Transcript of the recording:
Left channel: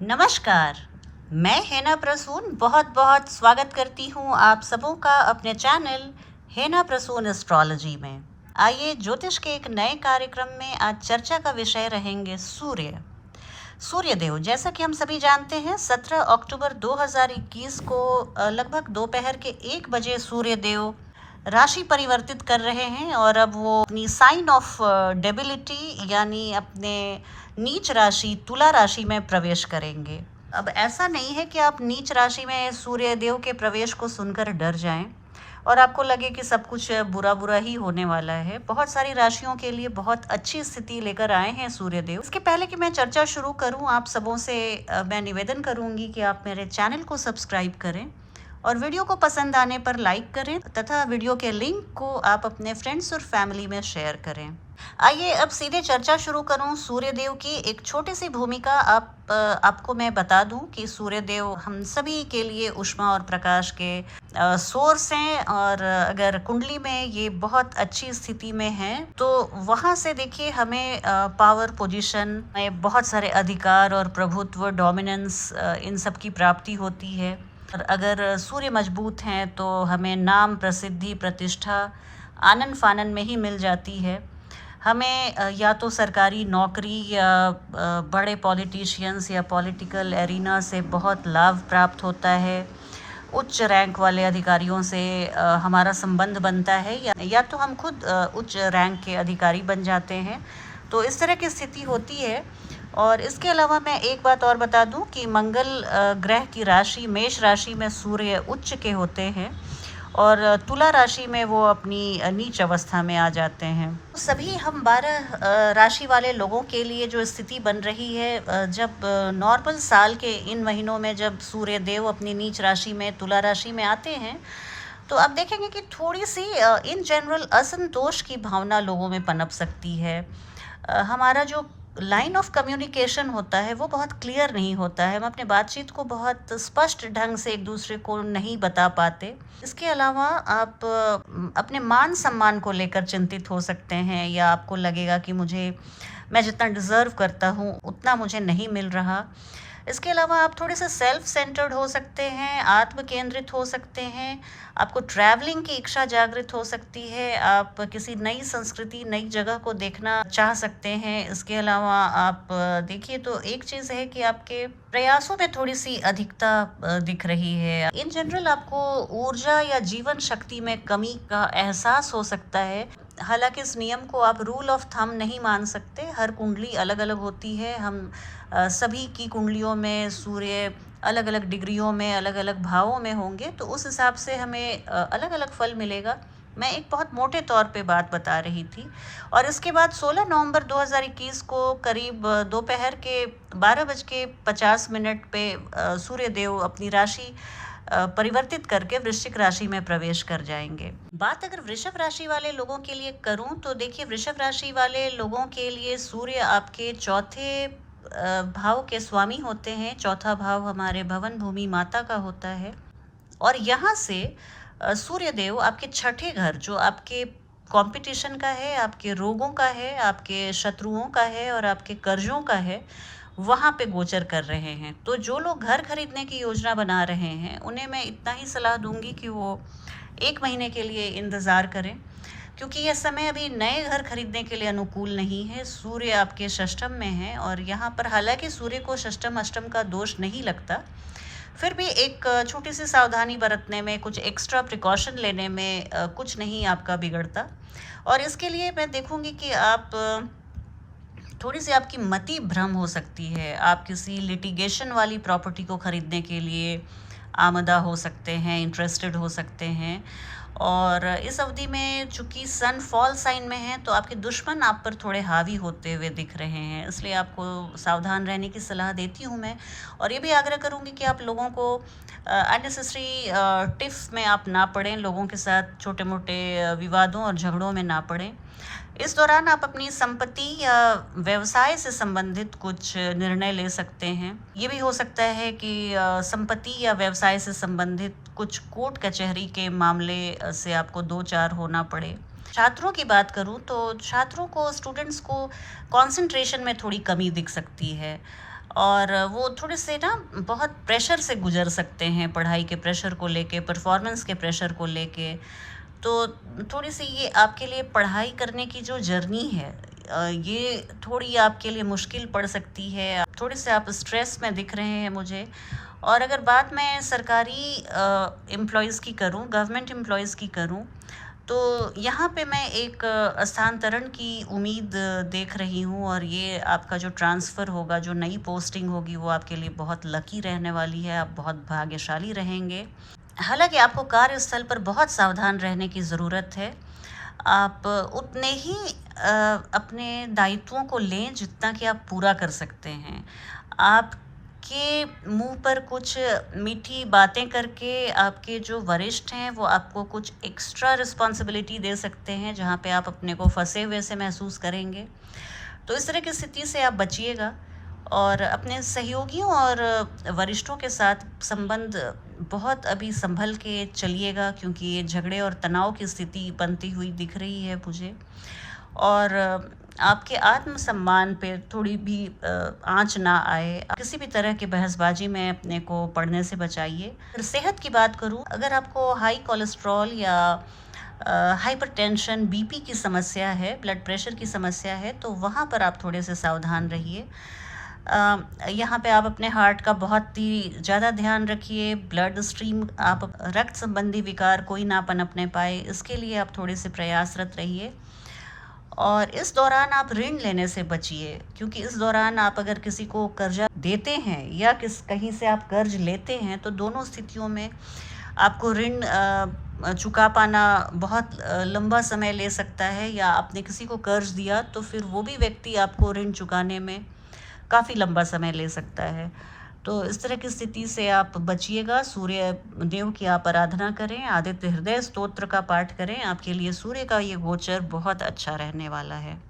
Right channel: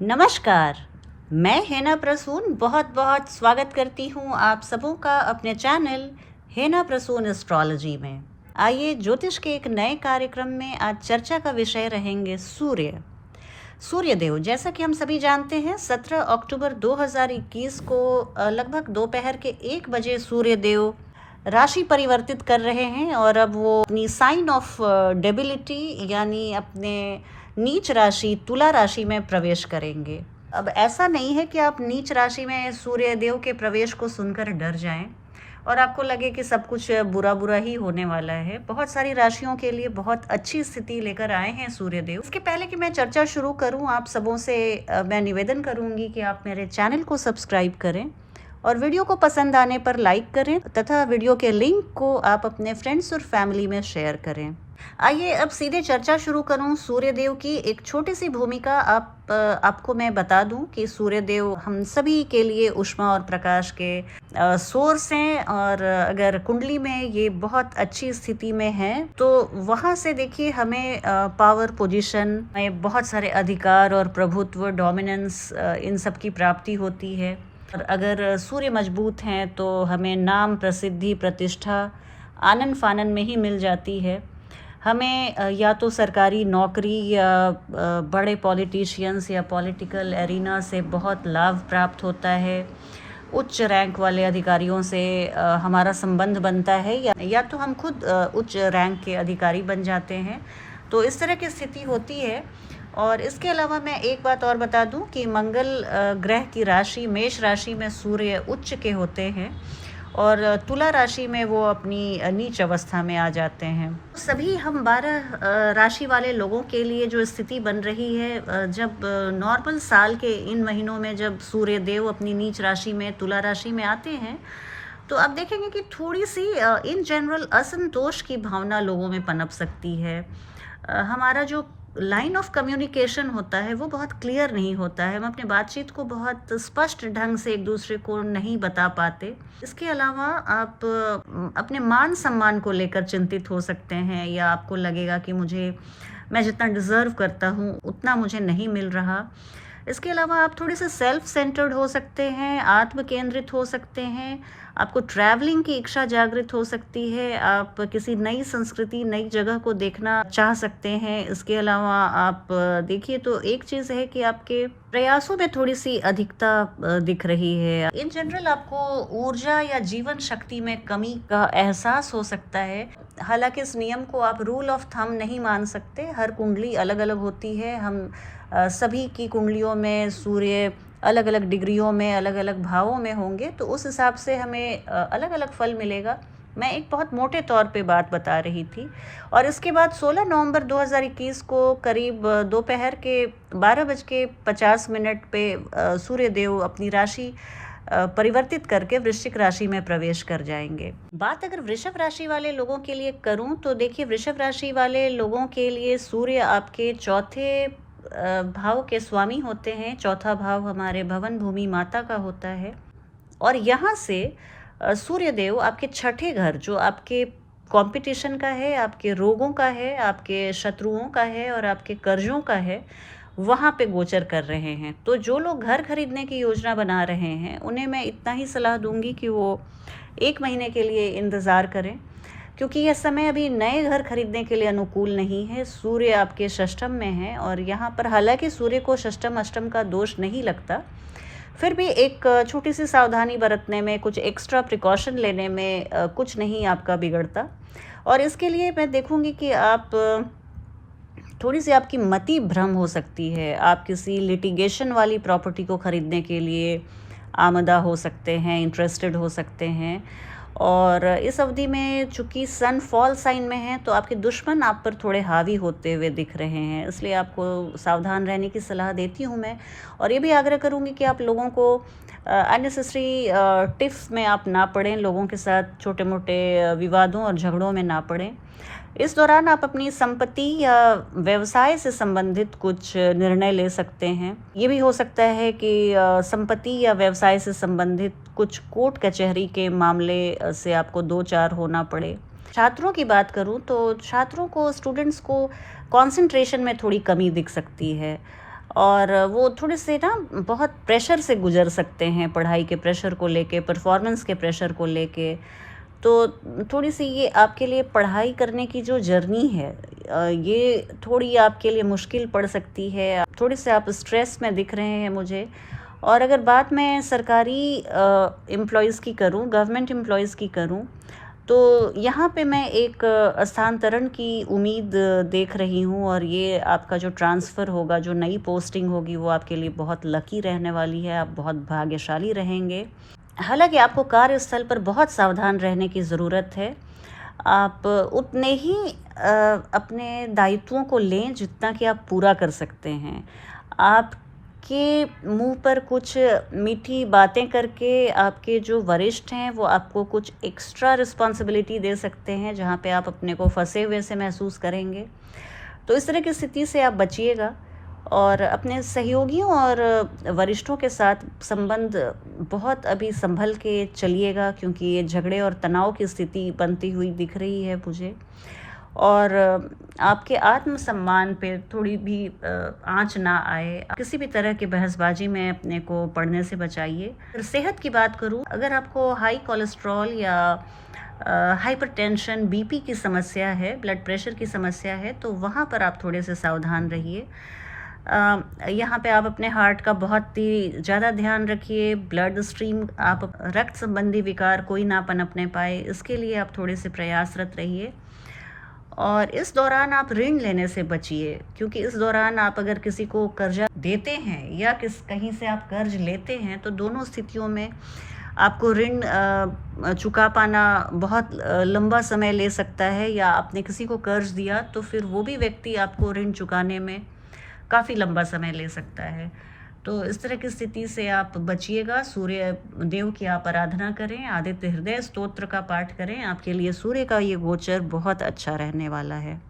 नमस्कार। मैं हेना प्रसून बहुत बहुत स्वागत करती हूँ आप सबों का अपने चैनल हेना प्रसून एस्ट्रोलॉजी में। आइए ज्योतिष के एक नए कार्यक्रम में आज चर्चा का विषय रहेंगे सूर्यदेव। जैसा कि हम सभी जानते हैं 17 अक्टूबर 2021 को लगभग दोपहर के 1 बजे सूर्यदेव राशि परिवर्तित कर रहे हैं और अब वो अपनी साइन ऑफ डेबिलिटी यानी अपने नीच राशि तुला राशि में प्रवेश करेंगे। अब ऐसा नहीं है कि आप नीच राशि में सूर्यदेव के प्रवेश को सुनकर डर जाएं और आपको लगे कि सब कुछ बुरा बुरा ही होने वाला है। बहुत सारी राशियों के लिए बहुत अच्छी स्थिति लेकर आए हैं सूर्यदेव। इसके पहले कि मैं चर्चा शुरू करूं, आप सबों से मैं निवेदन करूंगी कि आप मेरे चैनल को सब्सक्राइब करें और वीडियो को पसंद आने पर लाइक करें तथा वीडियो के लिंक को आप अपने फ्रेंड्स और फैमिली में शेयर करें। आइए अब सीधे चर्चा शुरू करूं। सूर्यदेव की एक छोटी सी भूमिका आपको मैं बता दूं कि सूर्यदेव हम सभी के लिए ऊष्मा और प्रकाश के सोर्स हैं और अगर कुंडली में ये बहुत अच्छी स्थिति में है तो वहां से देखिए हमें पावर पोजीशन में बहुत सारे अधिकार और प्रभुत्व डोमिनेंस इन सब की प्राप्ति होती है। और अगर सूर्य मजबूत हैं तो हमें नाम प्रसिद्धि प्रतिष्ठा आनन फानन में ही मिल जाती है। हमें या तो सरकारी नौकरी या बड़े पॉलिटिशियंस या पॉलिटिकल एरिना से बहुत लाभ प्राप्त होता है। उच्च रैंक वाले अधिकारियों से हमारा संबंध बनता है या तो हम खुद उच्च रैंक के अधिकारी बन जाते हैं। तो इस तरह की स्थिति होती है। और इसके अलावा मैं एक बात और बता दूं कि मंगल ग्रह की राशि मेष राशि में सूर्य उच्च के होते हैं और तुला राशि में वो अपनी नीच अवस्था में आ जाते हैं। सभी हम 12 राशि वाले लोगों के लिए जो स्थिति बन रही है, जब नॉर्मल साल के इन महीनों में जब सूर्य देव अपनी नीच राशि में तुला राशि में आते हैं तो आप देखेंगे कि थोड़ी सी इन जनरल असंतोष की भावना लोगों में पनप सकती है। हमारा जो लाइन ऑफ कम्युनिकेशन होता है वो बहुत क्लियर नहीं होता है। हम अपने बातचीत को बहुत स्पष्ट ढंग से एक दूसरे को नहीं बता पाते। इसके अलावा आप अपने मान सम्मान को लेकर चिंतित हो सकते हैं या आपको लगेगा कि मैं जितना डिज़र्व करता हूँ उतना मुझे नहीं मिल रहा। इसके अलावा आप थोड़े से सेल्फ सेंटर्ड हो सकते हैं, आत्म केंद्रित हो सकते हैं। आपको ट्रैवलिंग की इच्छा जागृत हो सकती है। आप किसी नई संस्कृति नई जगह को देखना चाह सकते हैं। इसके अलावा आप देखिए तो एक चीज़ है कि आपके प्रयासों में थोड़ी सी अधिकता दिख रही है। इन जनरल आपको ऊर्जा या जीवन शक्ति में कमी का एहसास हो सकता है। हालांकि इस नियम को आप रूल ऑफ थंब नहीं मान सकते। हर कुंडली अलग अलग होती है। हम सभी की कुंडलियों में सूर्य अलग अलग डिग्रियों में अलग अलग भावों में होंगे तो उस हिसाब से हमें अलग अलग फल मिलेगा। मैं एक बहुत मोटे तौर पे बात बता रही थी। और इसके बाद 16 नवंबर 2021 को करीब दोपहर के 12:50 पे सूर्यदेव अपनी राशि परिवर्तित करके वृश्चिक राशि में प्रवेश कर जाएंगे। बात अगर वृषभ राशि वाले लोगों के लिए करूं तो देखिए वृषभ राशि वाले लोगों के लिए सूर्य आपके चौथे भाव के स्वामी होते हैं। चौथा भाव हमारे भवन भूमि माता का होता है और यहाँ से सूर्यदेव आपके छठे घर जो आपके कंपटीशन का है, आपके रोगों का है, आपके शत्रुओं का है और आपके कर्जों का है, वहाँ पे गोचर कर रहे हैं। तो जो लोग घर खरीदने की योजना बना रहे हैं उन्हें मैं इतना ही सलाह दूंगी कि वो 1 महीने के लिए इंतज़ार करें, क्योंकि यह समय अभी नए घर खरीदने के लिए अनुकूल नहीं है। सूर्य आपके षष्ठम में है और यहाँ पर हालांकि सूर्य को षष्ठम अष्टम का दोष नहीं लगता, फिर भी एक छोटी सी सावधानी बरतने में, कुछ एक्स्ट्रा प्रिकॉशन लेने में कुछ नहीं आपका बिगड़ता। और इसके लिए मैं देखूंगी कि आप थोड़ी सी आपकी मति भ्रम हो सकती है। आप किसी लिटिगेशन वाली प्रॉपर्टी को खरीदने के लिए आमदा हो सकते हैं, इंटरेस्टेड हो सकते हैं। और इस अवधि में चूंकि सन फॉल साइन में है तो आपके दुश्मन आप पर थोड़े हावी होते हुए दिख रहे हैं, इसलिए आपको सावधान रहने की सलाह देती हूँ मैं। और ये भी आग्रह करूँगी कि आप लोगों को अननेसेसरी टिफ में आप ना पड़ें, लोगों के साथ छोटे मोटे विवादों और झगड़ों में ना पड़ें। इस दौरान आप अपनी संपत्ति या व्यवसाय से संबंधित कुछ निर्णय ले सकते हैं। ये भी हो सकता है कि संपत्ति या व्यवसाय से संबंधित कुछ कोर्ट कचहरी के मामले से आपको 2-4 होना पड़े। छात्रों की बात करूं तो छात्रों को, स्टूडेंट्स को कंसंट्रेशन में थोड़ी कमी दिख सकती है। और वो थोड़े से ना बहुत प्रेशर से गुजर सकते हैं, पढ़ाई के प्रेशर को लेके, परफॉर्मेंस के प्रेशर को लेके। तो थोड़ी सी ये आपके लिए पढ़ाई करने की जो जर्नी है, ये थोड़ी आपके लिए मुश्किल पड़ सकती है। थोड़े से आप स्ट्रेस में दिख रहे हैं मुझे। और अगर बात मैं सरकारी एम्प्लॉयज़ की करूं, गवर्नमेंट एम्प्लॉयज़ की करूं, तो यहाँ पे मैं एक स्थानांतरण की उम्मीद देख रही हूँ। और ये आपका जो ट्रांसफ़र होगा, जो नई पोस्टिंग होगी, वो आपके लिए बहुत लकी रहने वाली है। आप बहुत भाग्यशाली रहेंगे। हालांकि आपको कार्यस्थल पर बहुत सावधान रहने की ज़रूरत है। आप उतने ही अपने दायित्वों को लें जितना कि आप पूरा कर सकते हैं। आपके मुंह पर कुछ मीठी बातें करके आपके जो वरिष्ठ हैं वो आपको कुछ एक्स्ट्रा रिस्पॉन्सिबिलिटी दे सकते हैं, जहाँ पे आप अपने को फंसे हुए से महसूस करेंगे। तो इस तरह की स्थिति से आप बचिएगा और अपने सहयोगियों और वरिष्ठों के साथ संबंध बहुत अभी संभल के चलिएगा, क्योंकि ये झगड़े और तनाव की स्थिति बनती हुई दिख रही है मुझे। और आपके आत्मसम्मान पे थोड़ी भी आँच ना आए। किसी भी तरह की बहसबाजी में अपने को पड़ने से बचाइए। अगर सेहत की बात करूँ, अगर आपको हाई कोलेस्ट्रॉल या हाइपरटेंशन, बीपी की समस्या है, ब्लड प्रेशर की समस्या है, तो वहाँ पर आप थोड़े से सावधान रहिए। यहाँ पे आप अपने हार्ट का बहुत ही ज़्यादा ध्यान रखिए। ब्लड स्ट्रीम, आप रक्त संबंधी विकार कोई ना पनपने पाए, इसके लिए आप थोड़े से प्रयासरत रहिए। और इस दौरान आप ऋण लेने से बचिए, क्योंकि इस दौरान आप अगर किसी को कर्जा देते हैं या कहीं से आप कर्ज लेते हैं, तो दोनों स्थितियों में आपको ऋण चुका पाना बहुत लंबा समय ले सकता है। या आपने किसी को कर्ज दिया तो फिर वो भी व्यक्ति आपको ऋण चुकाने में काफ़ी लंबा समय ले सकता है। तो इस तरह की स्थिति से आप बचिएगा। सूर्य देव की आप आराधना करें, आदित्य हृदय स्तोत्र का पाठ करें। आपके लिए सूर्य का ये गोचर बहुत अच्छा रहने वाला है।